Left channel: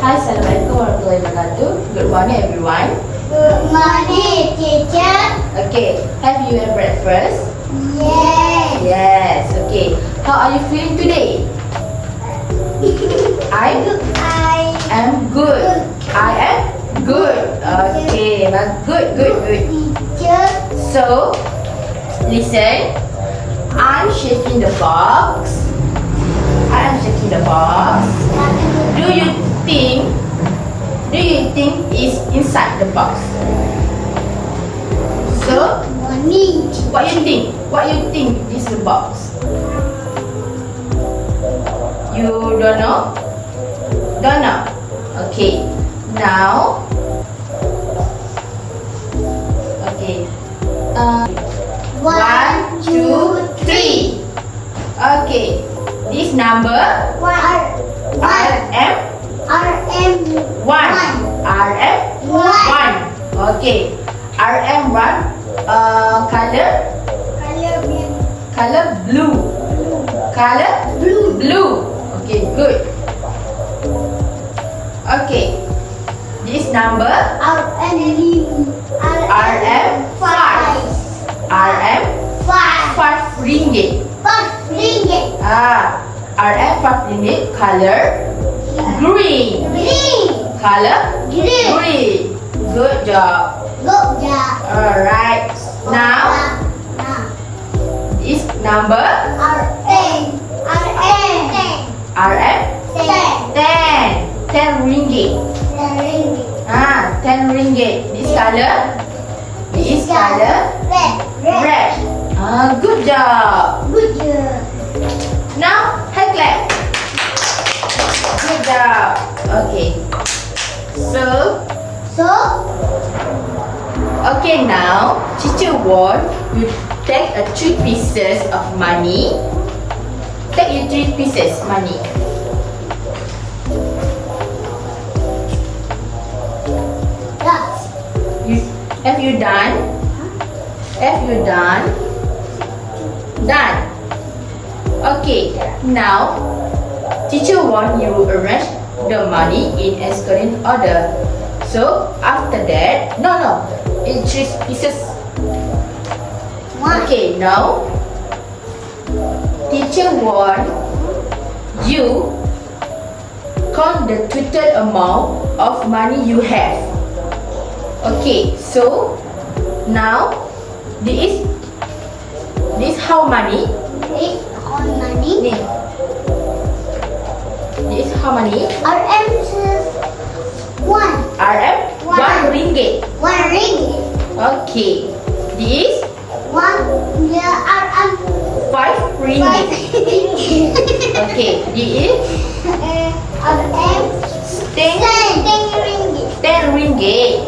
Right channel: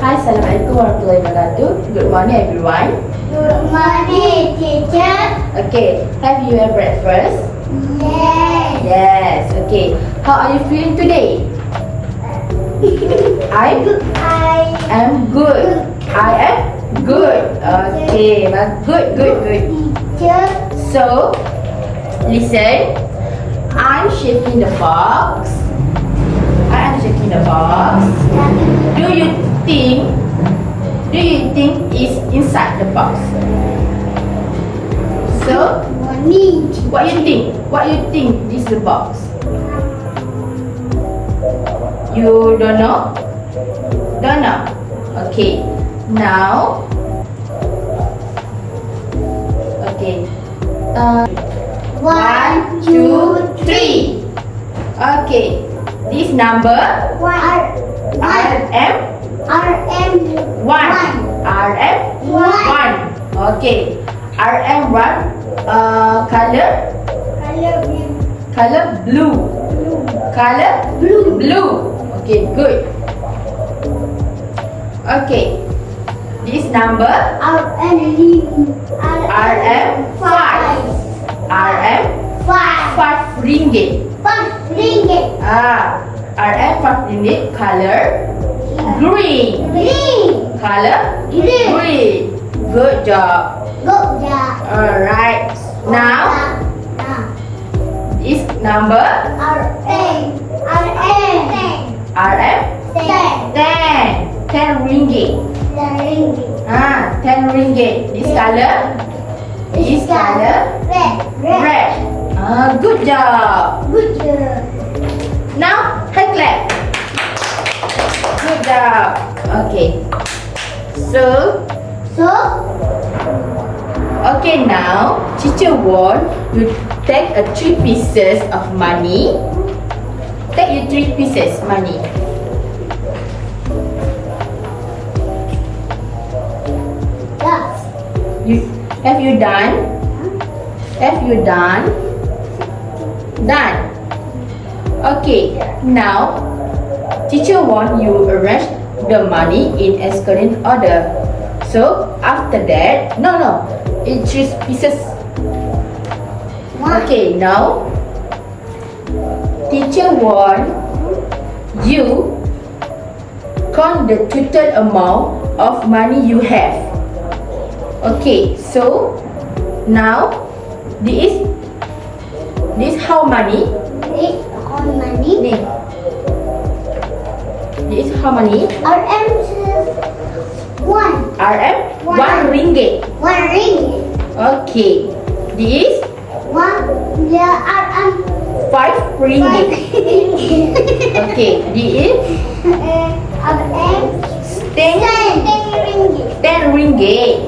Hi, Assalamualaikum warahmatullahi wabarakatuh. Good morning, everyone. Good morning, teacher. Okay, have you had breakfast? Yes. Yes. Okay. How are you feeling today? I am good. I am good. Okay, well, good. Teacher. So, listen. I'm shaking the box. I am shaking the box. Do you think is inside the box? So, Morning. what you think? What you think is the box? You don't know? Don't know? Okay. Now, okay. 1, 2, 3. Okay. This number RM RM 1. RM 1. Okay. RM 1. Color blue. Color blue. Okay, good. Okay. This number RM 5. RM 5 ringgit. RM 5 ringgit. Color green. Color green. Good job. Alright. Now, this number RM 10. 10 ringgit. 10 ringgit. This color red. Good job. Now, hand clap. Good job. Okay. Okay, now teacher want you take 3 pieces of money. Take you 3 pieces money. Have you done? Done. Okay. Now, teacher want you arrange the money in ascending order. So after that, no, in 3 pieces. Okay. Now, teacher want you count the total amount of money you have. Okay, so now this how many? Ni. This how many? RM 1. RM 1 ringgit. Okay. This 5 ringgit. Okay, this RM 10 ringgit.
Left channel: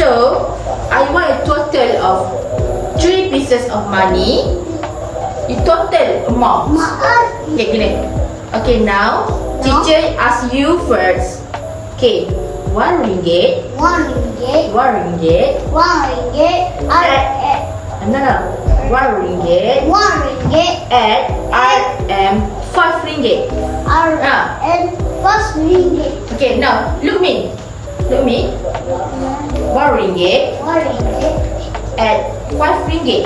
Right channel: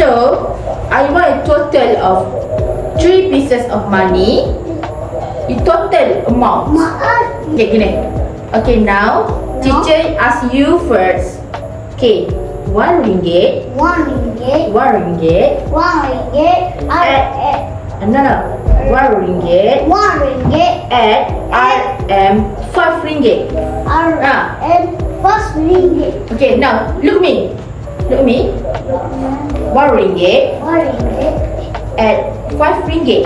So, I want a total of 3 pieces of money. The total amount. Okay, gini. Okay, now teacher ask you first. Okay, 1 ringgit. 1 ringgit. No. 1 ringgit. At RM 5 ringgit. Okay, now look me. 1 ringgit at 5 ringgit.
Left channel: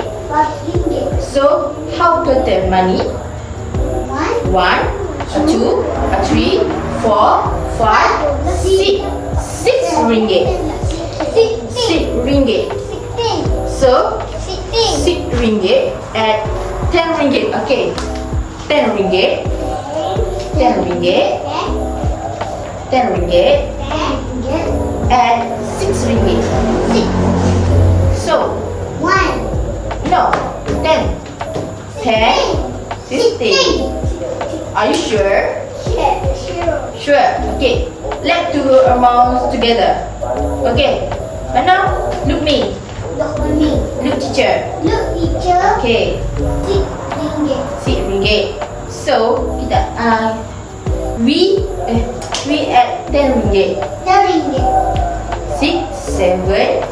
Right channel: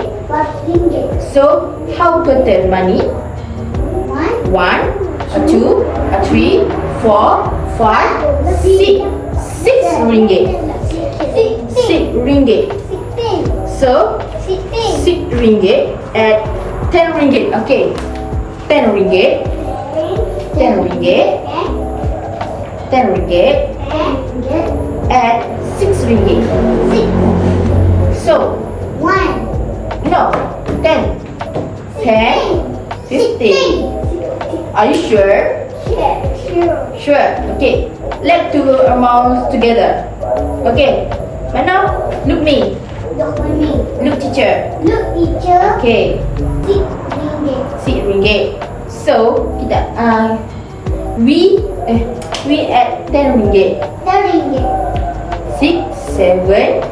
So how total money? 1, 2, 3, 4, 5, 6. 6 ringgit. 6 ringgit. So 6 ringgit at 10 ringgit. Okay. 10 ringgit. 10 ringgit. 10 ringgit at 6 ringgit. So 10, 15. Are you sure? Sure. Okay. Let's do amounts together. Okay. But now look me. Look teacher. Okay. 6 ringgit. So kita we at 10 ringgit. 6, 7,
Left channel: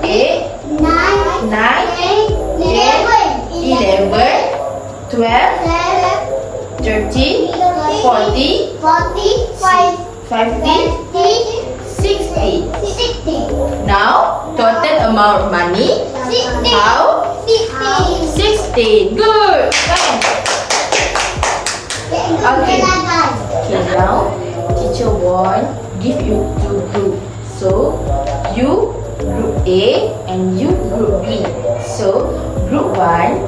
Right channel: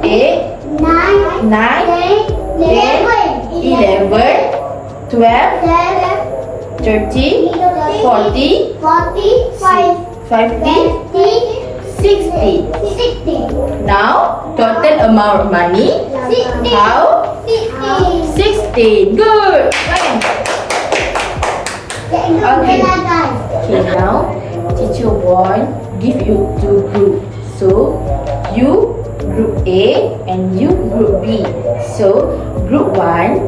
8, 9, 10, 11, 12, 13, 40, 45, 50, 50, 60. 60. Now, total amount of money. 60. How? 60. 60. Good. Fine. Okay. Okay, now teacher want give you two group. So you group A and you group B. So group 1,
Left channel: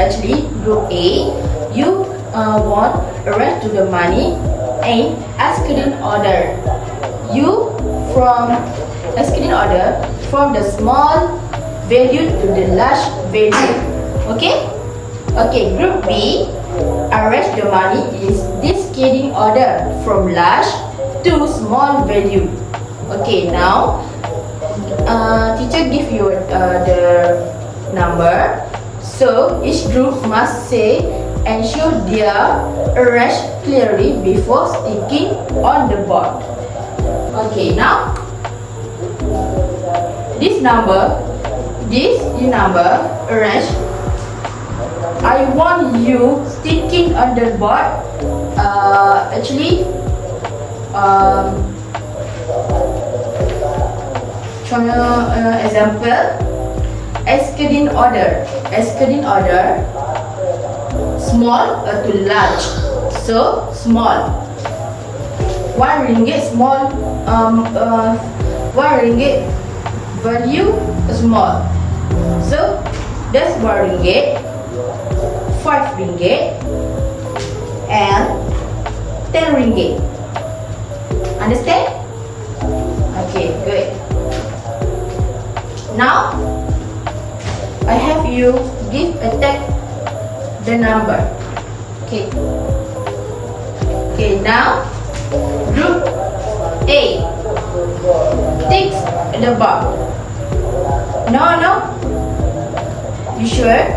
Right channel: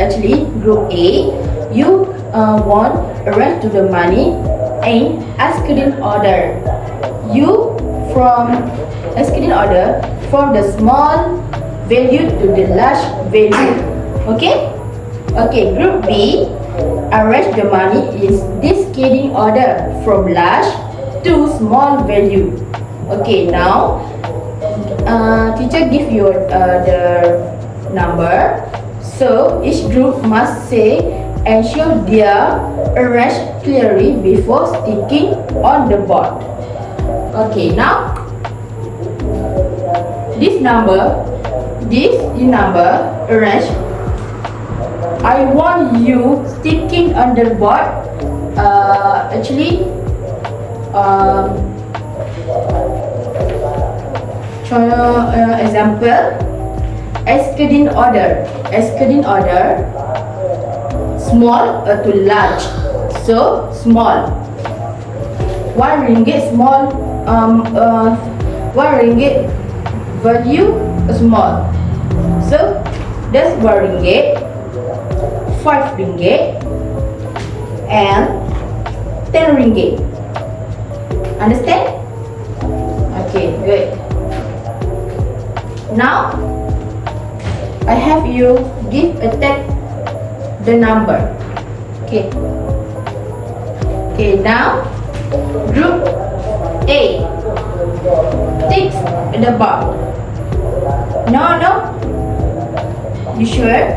actually group A, you want arrange to the money in ascending order. You from ascending order from the small value to the large value. Okay? Okay, group B arrange the money in descending order from large to small value. Okay, now teacher give you the number. So each group must say and show their arrange clearly before sticking on the board. Okay, now this number arrange. I want you sticking on the board. Actually, example, ascending order, small to large. So small, 1 ringgit small, 1 ringgit value small. So that's 1 ringgit, 5 ringgit, and 10 ringgit. Understand? Okay, good. Now I have you give a tag the number. Okay. Okay, now group A takes the bar. No. You sure?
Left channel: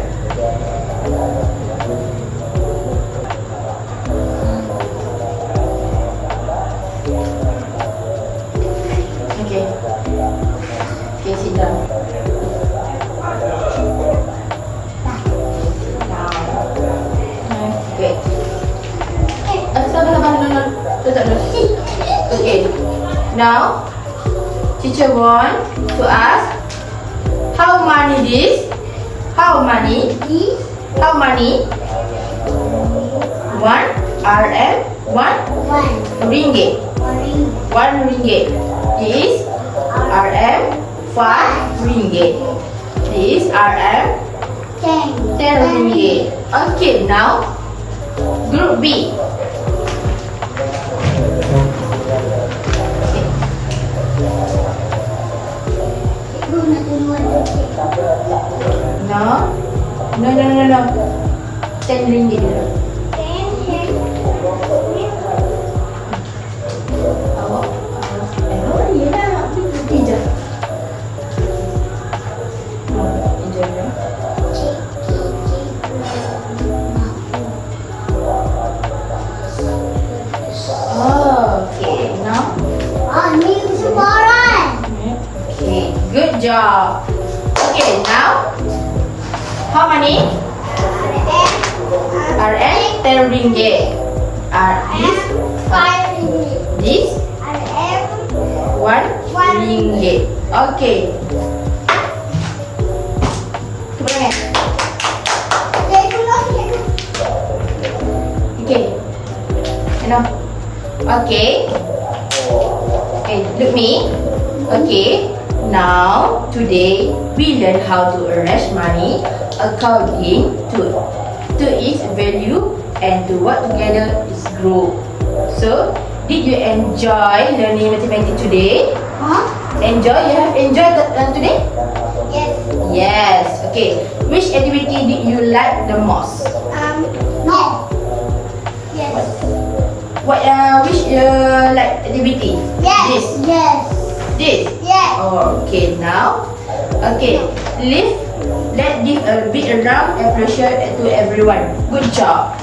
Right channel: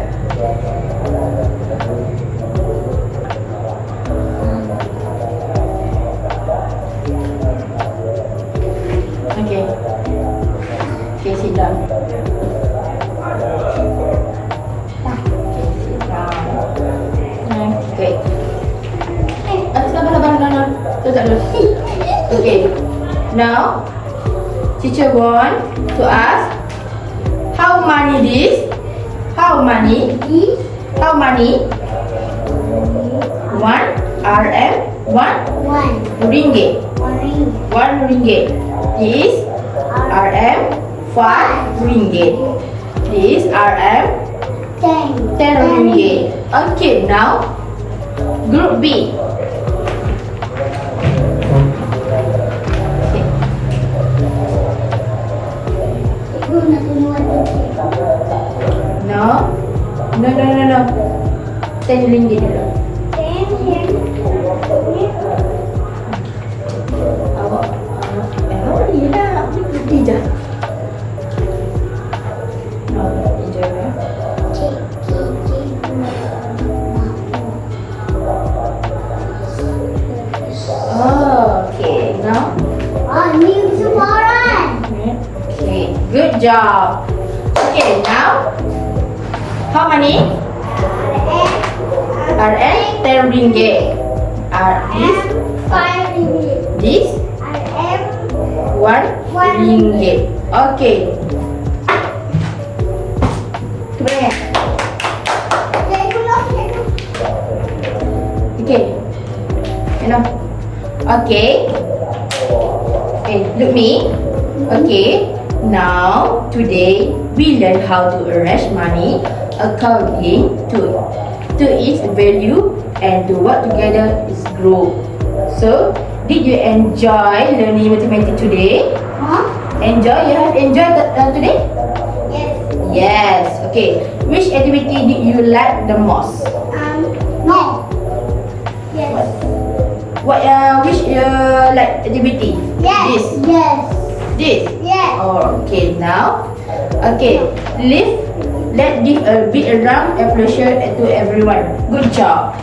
Okay. Okay, sit down. Okay. Okay. Now, teacher want to ask how many this? How many? 1 RM 1 ringgit. 1 ringgit. This RM 5 ringgit. This RM 10 ringgit. Okay, now group B. Okay. No. 10 ringgit dulu. Awak yelah, berhenti je. Hijau je. Okay, now. Okay, good job. Okay, now. How many? RM 10 ringgit. This 1 ringgit. Okay. Kemudian. Okay. Okay. Okay, look me. Okay. Now, today we learn how to arrange money according to its value and to work together as group. So, did you enjoy learning mathematics today? Enjoy? You have enjoyed today? Yes. Okay. Which activity did you like the most? What? Which like activity? This. Oh, okay. Now, okay. Let's give a big round of applause to everyone. Good job.